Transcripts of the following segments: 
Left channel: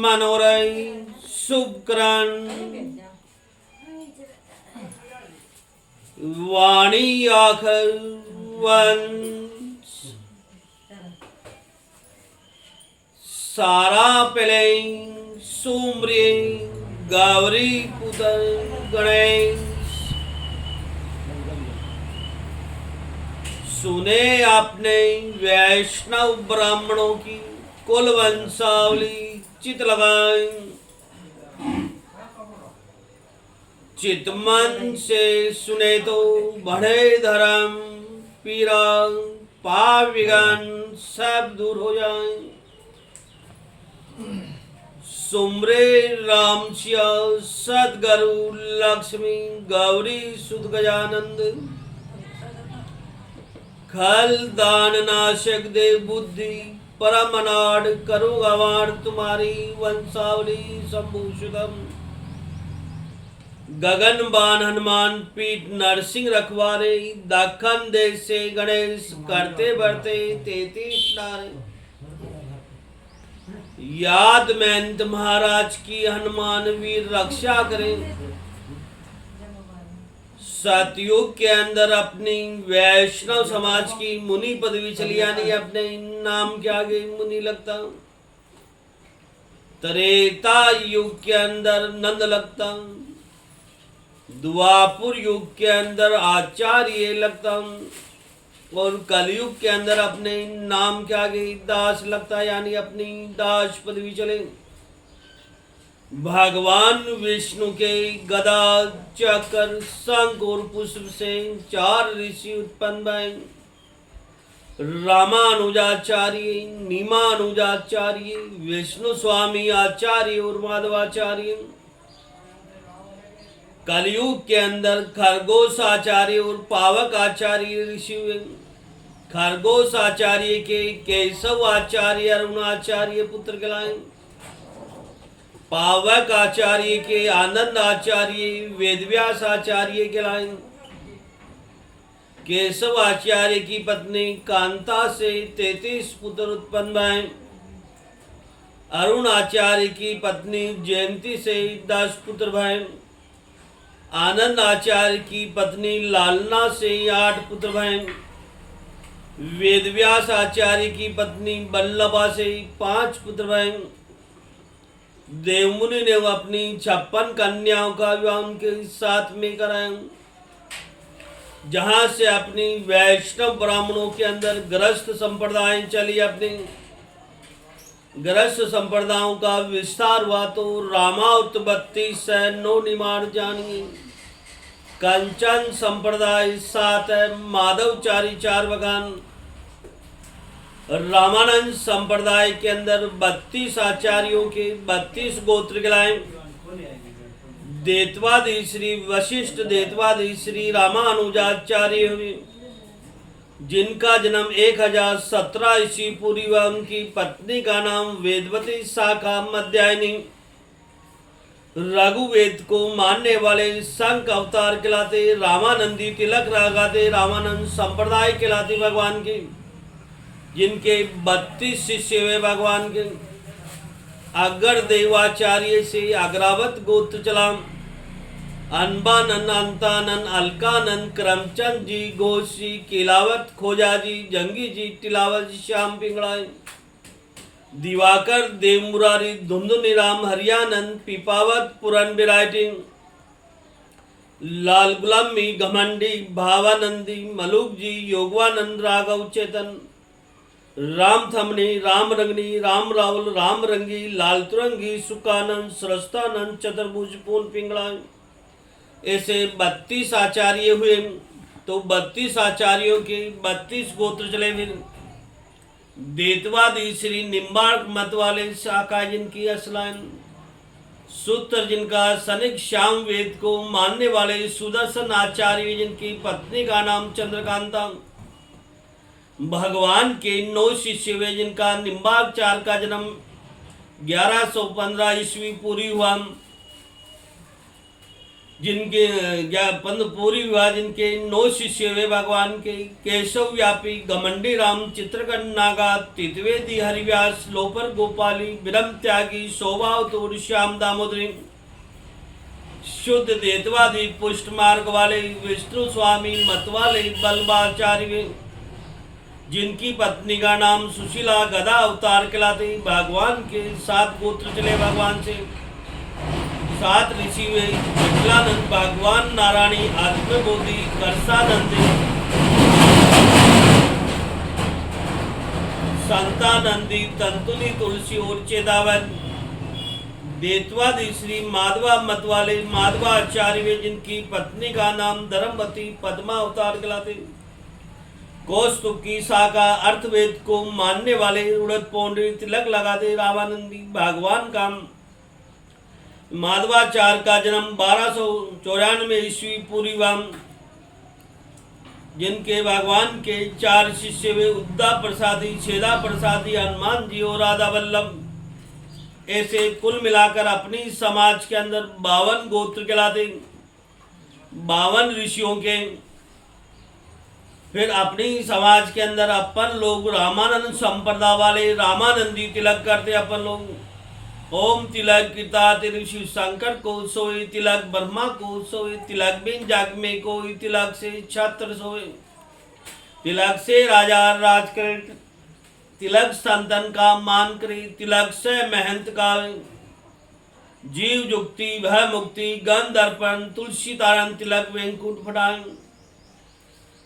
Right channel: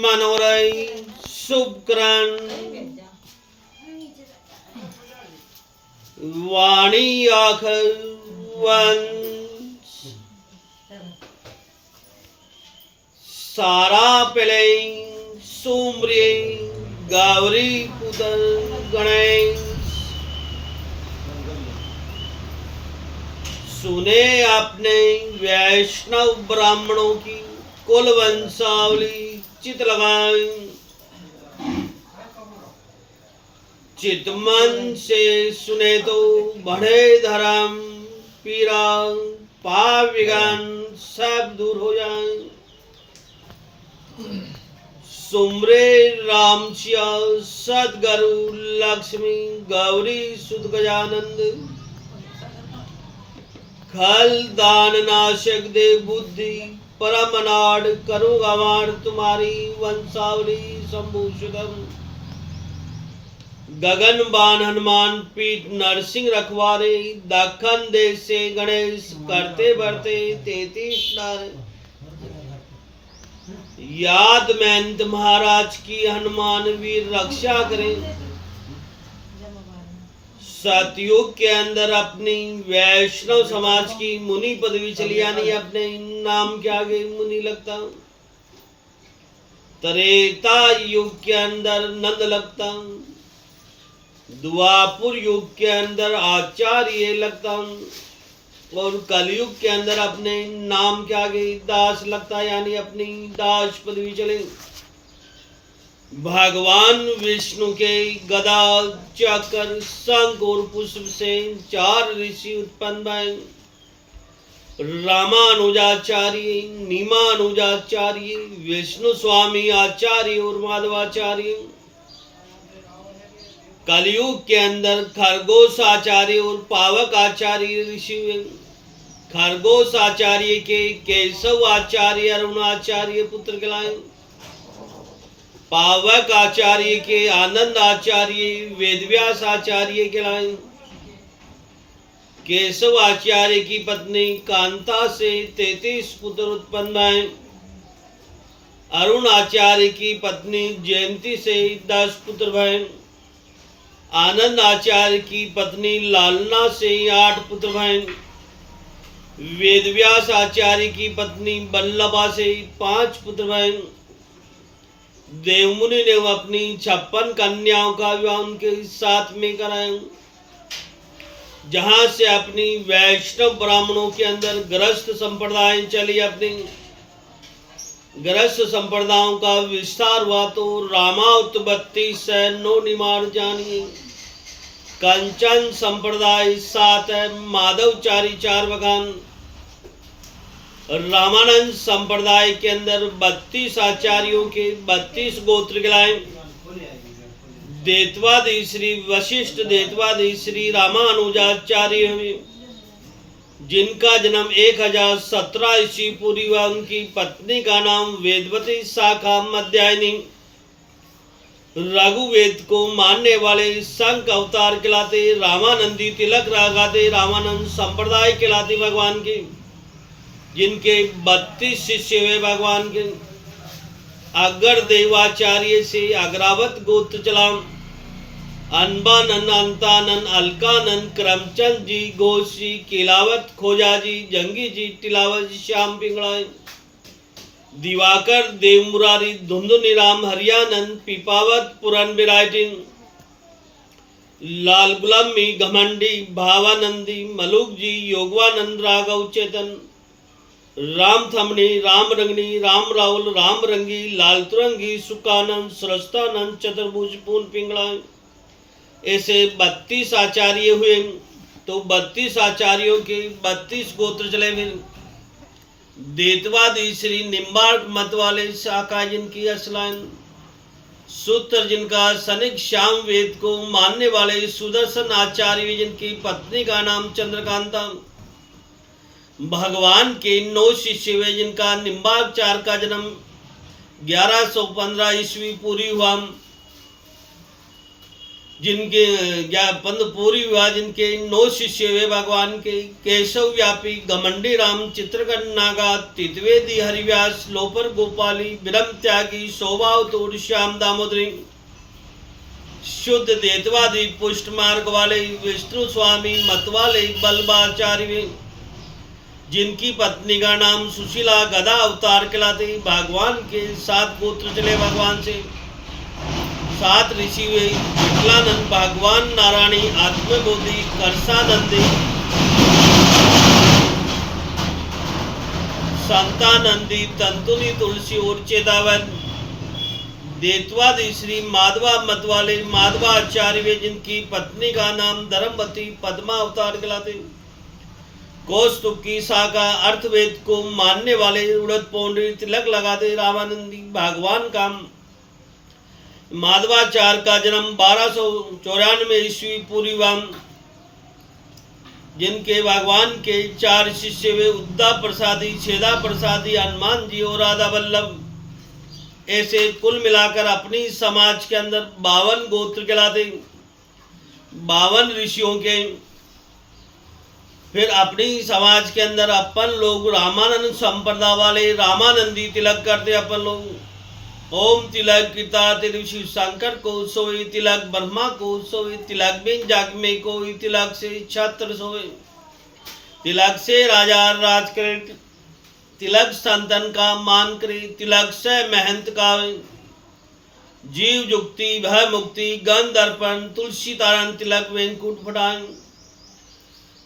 मनोरय शुभकरण वाणी आखर वंश सारा पिले सुम्रे गावरी पुत्र गणेश सुने आपने वैष्णव ब्राह्मणों की कुल वंशावली चित लगाई चितमन से सुने तो बढ़े धर्म पीरा पाप विघन सब दूर हो जाए सुमरे राम सिया सदगुरु लक्ष्मी गौरी सुध गजानंद खल दान नाशक दे बुद्धि परम अनाड़ करो गवार तुम्हारी वंशावली संभूषितम गगन बान हनुमान पीठ नरसिंह रखवारे दखन देश से गणेश करते बढ़ते 33 नारे याद महंत महाराज की हनुमान वीर रक्षा करें सतयुग के अंदर अपनी वैष्णव समाज की मुनि पदवी चली आनी अपने नाम के आगे मुनि लगता त्रेता युग के अंदर नंद लगता द्वापुर युग के अंदर आचार्य लगता और कलयुग के अंदर अपने नाम के आगे दास लगता यानी अपनी दास पदवी चले भगवान विष्णु के गदा चक्र शंख और पुष्प से 4 ऋषि उत्पन्न भय रामानुजाचार्य नीमानुजाचार्य विष्णु स्वामी आचार्य और माधवाचार्य कलयुग के अंदर खरगोश आचार्य और पावक आचार्य ऋषि हुए खरगोश आचार्य के केशव आचार्य अरुणाचार्य पुत्र कहलाए पावक आचार्य के आनंद आचार्य वेदव्यास आचार्य कहलाए केशव आचार्य की पत्नी कांता से 33 पुत्र उत्पन्न भय अरुण आचार्य की पत्नी जयंती से 10 पुत्र भय आनंद आचार्य की पत्नी लालना से 8 पुत्र भय वेदव्यास आचार्य की पत्नी बल्लभा से 5 पुत्र भय देवमुनि ने अपनी 56 कन्याओं का विवाह उनके साथ में कराया जहां से अपनी वैष्णव ब्राह्मणों के अंदर ग्रस्त संप्रदाय चली अपनी ग्रस्त संप्रदायों का विस्तार हुआ तो रामाउत्पत्ति सैनो निमार जानिए कंचन संप्रदाय 7 है माधवचारी 4 बगान रामानंद संप्रदाय के अंदर 32 आचार्यों के 32 गोत्र कहलाए देतवादी श्री वशिष्ठ देतवादी श्री रामानुजाचार्य हुए जिनका जन्म 1017 ईस्वी पूर्व हुआ उनकी पत्नी का नाम वेदवती शाखा मध्यायनी रघुवेद को मानने वाले संघ अवतार कहलाते रामानंदी तिलक लगाते रामानंद संप्रदाय कहलाते भगवान की जिनके 32 शिष्य हुए भगवान के अगर देवाचार्य से अग्रावत गोत्र चला अनबानन अंतानन अलकानन करमचंद जी घोष जी किलावत खोजा जी जंगी जी टिलावत जी श्याम पिंगड़ाए दिवाकर देव मुरारी धुंधुनी राम हरियानंद पिपावत पुरन बिराटिंग लाल गुलामी घमंडी भावानंदी मलुक जी योगवानंद राघव चेतन राम थमनी राम रंगनी राम रावल राम रंगी लाल तुरंगी सुकानंद सरस्तानंद चतुर्भुज पूर्ण पिंगला ऐसे 32 आचार्य हुए तो 32 आचार्यों के 32 गोत्र चले फिर देतवादी श्री निम्बार्क मत वाले शाखा जिनकी असलाइन सूत्र जिनका सनिक श्याम वेद को मानने वाले सुदर्शन आचार्य जिनकी पत्नी का नाम चंद्रकांता भगवान के 9 शिष्य हुए जिनका निम्बाचार्य का जन्म 1115 ईस्वी पूरी हुआ जिनके पंद पूरी विवाह जिनके 9 शिष्य हुए भगवान के, केशव व्यापी, घमंडी राम, चित्रकन नागा, तितवेदी हरिव्यास, लोपर गोपाली, विरम त्यागी, शोभावतूर, श्याम दामोदरी, शुद्ध देतवादी, पुष्ट मार्ग वाले, विष्णु स्वामी, मतवाले, बल्बाचार्य, जिनकी पत्नी का नाम सुशीला, गदा अवतार कहलाते, भगवान के 7 गोत्र चले भगवान से, 7 ऋषि हुए, विठलानंद, भगवान नारायणी, आत्मबोधि, करसानंदी, संतानंदी, तंतुनी, तुलसी और चेतावन, देतवादी श्री माधवा मतवाले, माधवाचार्य, जिनकी पत्नी का नाम धर्मवती, पद्मा अवतार कहलाते, कौस्तुभ की शाखा, अर्थवेद को मानने वाले, उड़द पौंडी, तिलक लगाते, रामानंदी, भगवान का माधवाचार्य का जन्म 1294 ईस्वी पूर्वी, जिनके भगवान के 4 शिष्य हुए, उद्दा प्रसादी, छेदा प्रसादी, हनुमान जी और राधा वल्लभ। ऐसे कुल मिलाकर अपनी समाज के अंदर 52 गोत्र कहलाते, 52 ऋषियों के। फिर अपनी समाज के अंदर अपन लोग रामानंद संप्रदाय वाले रामानंदी तिलक करते अपन लोग। ओम तिलक कीता तिलक शिव शंकर को सोई, तिलक ब्रह्मा को सोई, तिलक बिन जागमे को, तिलक से छत्र सोए, तिलक से राजा राज करे, तिलक संतन का मान करे, तिलक से महंत का जीव जुक्ति भय मुक्ति, गंध अर्पण, तुलसी तारण, तिलक वेंकुट फटाए।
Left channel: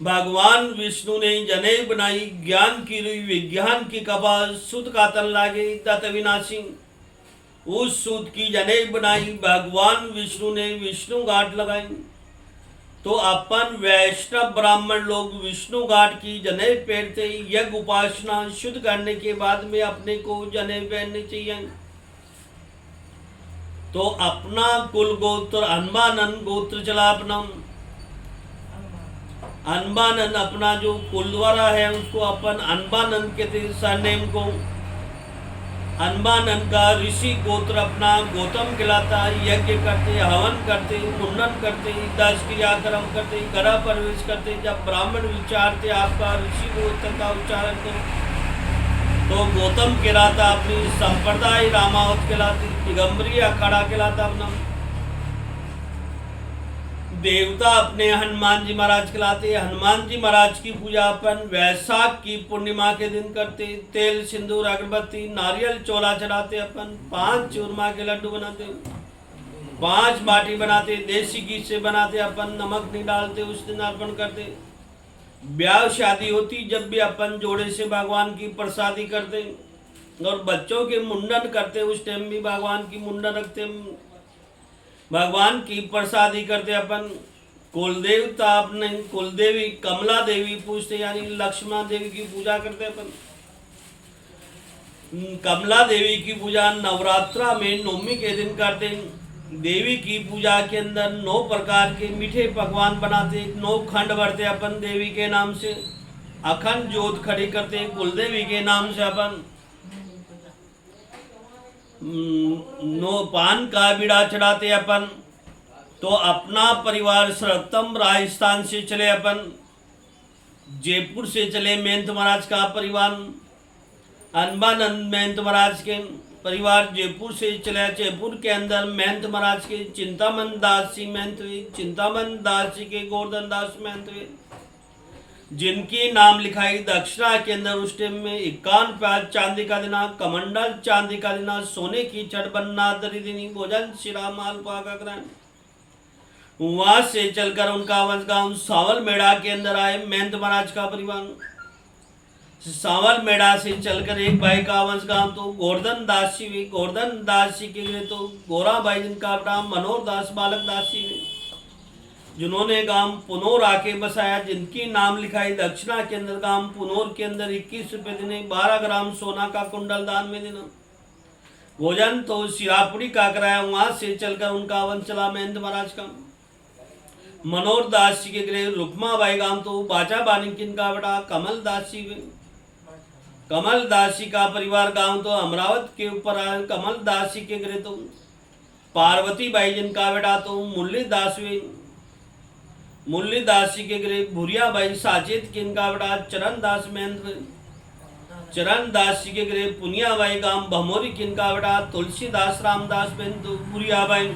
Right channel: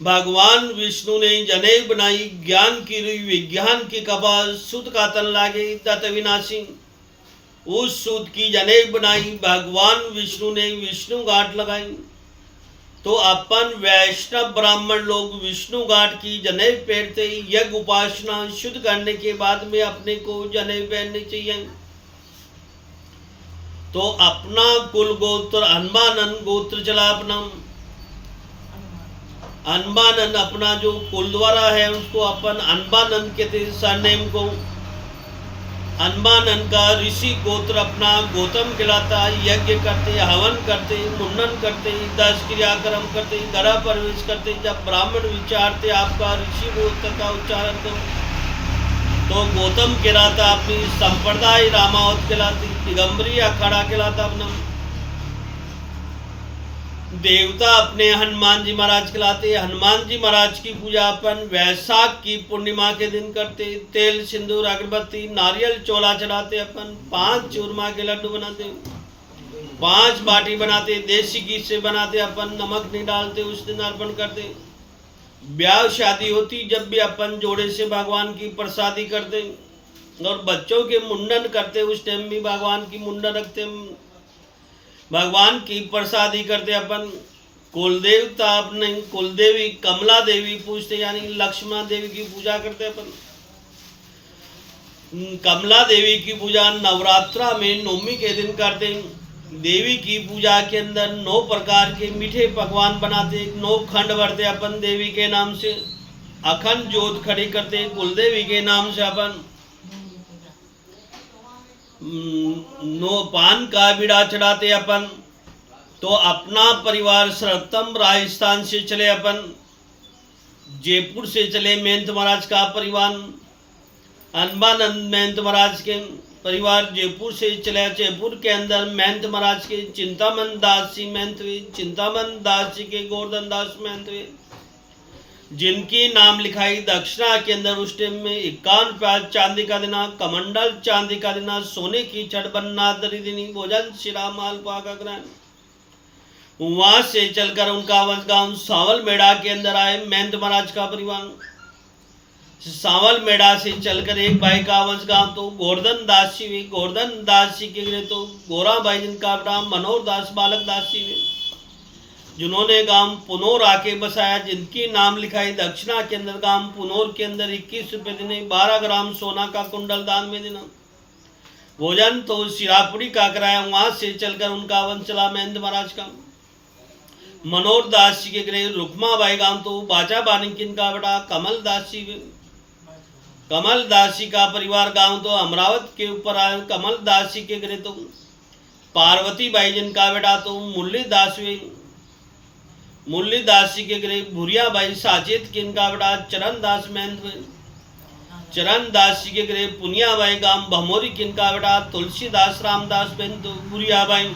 भगवान विष्णु ने जनेऊ बनाई, ज्ञान की रुई, विज्ञान की कपास, सुत का तन लागे तत विनाशी। उस सूत की जनेऊ बनाई, भगवान विष्णु ने विष्णु घाट लगाई। तो अपन वैष्णव ब्राह्मण लोग विष्णु घाट की जनेऊ पहनते, यज्ञ उपासना शुद्ध करने के बाद में अपने को जनेऊ पहननी चाहिए। तो अपना कुल गोत्र हनुमानंद गोत्र चला अपना। हनुमानंद अपना जो कुल द्वारा है उसको अपन हनुमानंद कहते, सरनेम को। हनुमानंद का ऋषि गोत्र अपना गौतम कहलाता। यज्ञ करते, हवन करते, मुंडन करते, 10 क्रियाक्रम करते, घर प्रवेश करते। जब ब्राह्मण विचारते आपका ऋषि गोत्र का उच्चारण तो गौतम कहलाता। अपनी संप्रदाय रामावत कहलाती। दिगंबरी अखाड़ा कहलाता अपना। देवता अपने हनुमान जी महाराज कहलाते। हनुमान जी महाराज की पूजा अपन वैशाख की पूर्णिमा के दिन करते। तेल सिंदूर अगरबत्ती नारियल चोला चढ़ाते। अपन 5 चूरमा के लड्डू बनाते, 5 बाटी बनाते, देसी घी से बनाते। अपन नमक नहीं डालते, उस दिन अर्पण करते। ब्याह शादी होती जब भी अपन जोड़े से भगवान की प्रसादी करते। और बच्चों के मुंडन करते, उस टाइम भी भगवान की मुंडन रखते, भगवान की प्रसादी करते। अपन कुल देवता अपने कुल देवी कमला देवी पूजते, यानी लक्ष्मण देवी की पूजा करते। अपन कमला देवी की पूजा नवरात्रा में नवमी के दिन करते। देवी की पूजा के अंदर 9 प्रकार के मीठे पकवान बनाते, 9 खंड भरते अपन देवी के नाम से। अखंड जोत खड़ी करते कुल देवी के नाम से। अपन 9 पान का बीड़ा चढ़ाते अपन। तो अपना परिवार सर्वोत्तम राजस्थान से चले। अपन जयपुर से चले महंत महाराज का परिवार। हनुमानंद महंत महाराज के परिवार जयपुर से चले। जयपुर के अंदर महंत महाराज के चिंतामन दास जी महंत हुए। चिंतामन दास जी के गोवर्धन दास महंत हुए, जिनकी नाम लिखाई दक्षिणा के अंदर उस टाइम में 51 प्याज चांदी का देना, कमंडल चांदी का देना, सोने की छड़ बनना दरी देनी, भोजन शिरा माल पाका ग्रहण। वहां से चलकर उनका वंशगांव सावल मेड़ा के अंदर आए महंत महाराज का परिवार। सावल मेड़ा से चलकर एक भाई का वंशगांव तो गोवर्धन दास जी हुई। गोवर्धन दास जी के लिए तो गोरा भाई जिनका नाम मनोहर दास बालक दास जी हुए, जिन्होंने गांव पुनौर आके बसाया, जिनकी नाम लिखाई दक्षिणा के अंदर। गांव पुनौर के अंदर 21 रुपये देने, 12 ग्राम सोना का कुंडल दान में देना। भोजन तो सिरापुरी का कराया। वहां से चलकर उनका वंश चला महंत महाराज का। मनोहर दास जी के गृह रुक्माबाई गांव तो बाचा बानिकिन का बड़ा कमल दास जी। कमल दास जी का परिवार गांव तो अमरावत के ऊपर आए। कमल दास जी के गृह तो पार्वती बाई जिनका बेटा तो मुरलीदास हुई। मुरलीदास जी के गृह भूरिया बाई साचेत किनका बेटा चरण दास महेंद्र। चरण दास जी के गृह पुनिया बाई गांव भमोरी किनका बेटा तुलसीदास रामदास बेंतु भूरिया बाई।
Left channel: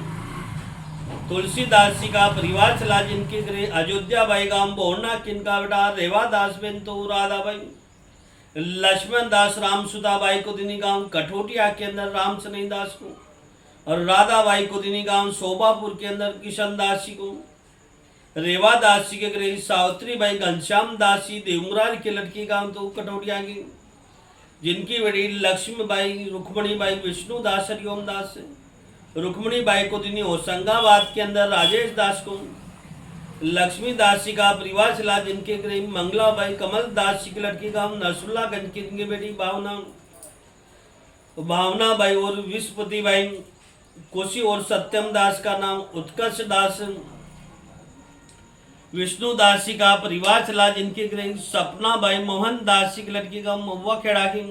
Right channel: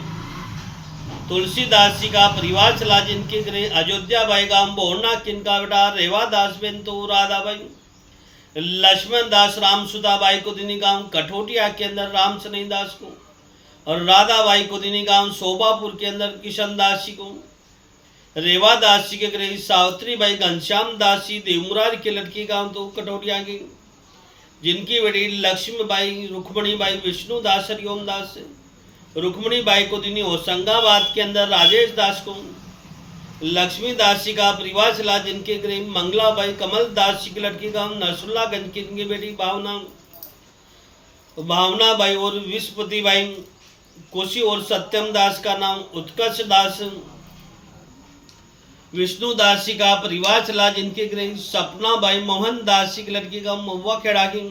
तुलसीदास जी का परिवार चला जिनके गृह अयोध्या बाई गांव बोरना किनका बेटा रेवादास बेंतु राधाबाई। लक्ष्मण दास रामसुदा बाई को दिनी गांव कठोटिया के अंदर राम सनई दास को, और राधाबाई को दिनी गांव शोभापुर के अंदर किशन दास जी को। रेवा दास जी के गृह सावित्री बाई घनश्याम दास जी देवमुरारी के लड़की गांव तो कठोटिया की, जिनकी बड़ी लक्ष्मी बाई रुक्मणी बाई विष्णु दास हरिओम दास से। रुक्मणी बाई को दिनी होशंगाबाद के अंदर राजेश दास को। लक्ष्मी दास जी का परिवार चला जिनके गृह मंगला बाई कमल दास जी की लड़की गांव नरसुल्लागंज की इनकी बेटी भावना बाई और विश्वपति बाई कोशी, और सत्यम दास का नाम उत्कर्ष दास। विष्णु दास जी का परिवार चला जिनके गृह सपना बाई मोहन दास जी की लड़की का महुआ खेड़ा की,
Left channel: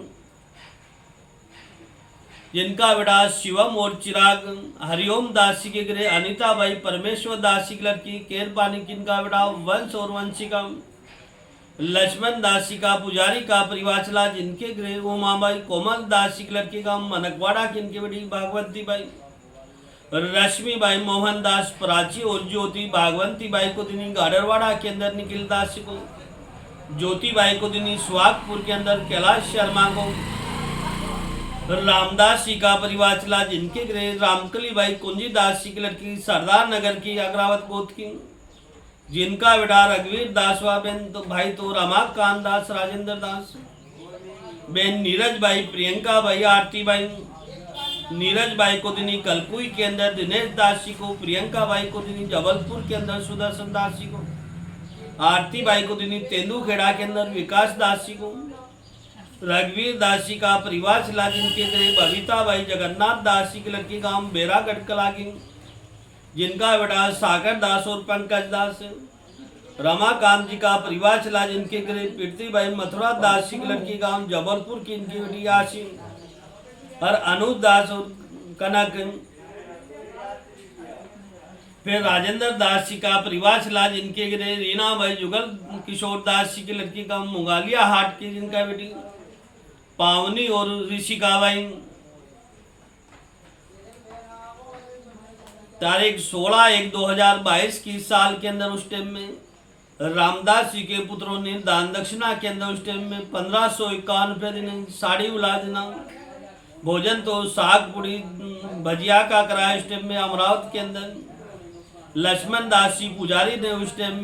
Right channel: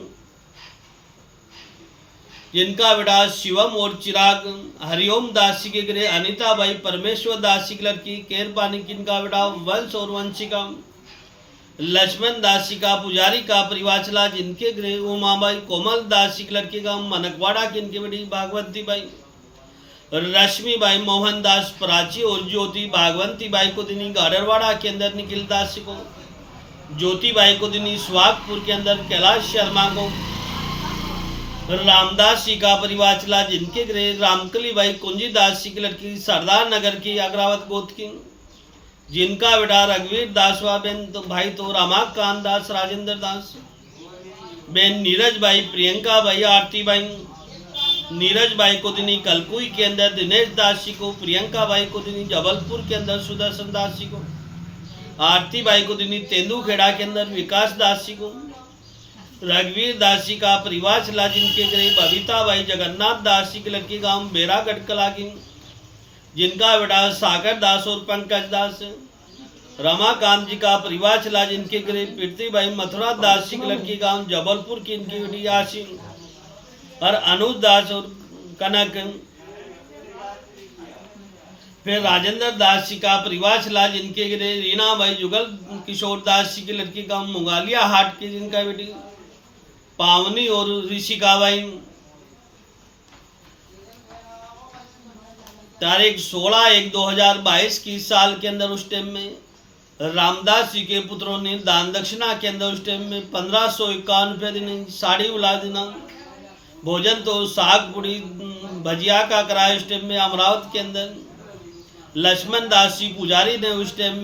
जिनका बेटा शिवम और चिराग। हरिओम दास जी के गृह अनिता बाई परमेश्वर दास जी की लड़की केरपानी किनका बेटा वंश और वंशिका। लक्ष्मण दास जी का पुजारी का परिवार चला जिनके गृह उमाबाई कोमल दास जी की लड़की का मनकवाड़ा किनकी बेटी भागवती by. Rashmi by Mohan Das Prachi और ज्योति भागवंती बाई को दिनी गाडरवाड़ा के अंदर निखिल दास को। ज्योति बाई को दिनी सुहागपुर के अंदर कैलाश शर्मा को। रामदास जी का परिवार चला जिनके गृह रामकली बाई कुंजी दास जी की लड़की सरदार नगर की अग्रावत गोद की, जिनका बेटा रघुवीर दास व बेन तो भाई तो रमाकांत दास राजेंद्र दास। बेन नीरज बाई प्रियंका बाई आरती बाई। नीरज बाई को दिनी कलकुई के अंदर दिनेश दास जी को। प्रियंका बाई को दिनी जबलपुर के अंदर सुदर्शन दास जी को। आरती बाई को दिनी तेंदुखेड़ा के अंदर विकास दास जी को। रघुवीर दास जी का परिवार चला जिनके गृह बबीता बाई जगन्नाथ दास जी की लड़की गांव बेरागढ़ कला की, जिनका बेटा सागर दास और पंकज दास। रमाकांत जी का परिवार चला जिनके गृह पृथ्वी बाई मथुरा दास जी की लड़की गांव जबलपुर की इनकी बेटी यासीन, और अनुज दास और कनक। फिर राजेंद्र दास जी का परिवार चला जिनके गृह रीना बाई जुगल किशोर दास जी की लड़की गांव मुगालिया हाट की, जिनका बेटी पावनी और ऋषिका बाई। तारीख 16/1/2022 की साल के अंदर उस टाइम में रामदास जी के पुत्रों ने दान दक्षिणा के अंदर उस टाइम में 1551 रुपये देने, साड़ी उला देना, भोजन तो साग पूड़ी भजिया का कराया उस टाइम में अमरावती के अंदर। लक्ष्मण दास जी पुजारी ने उस टाइम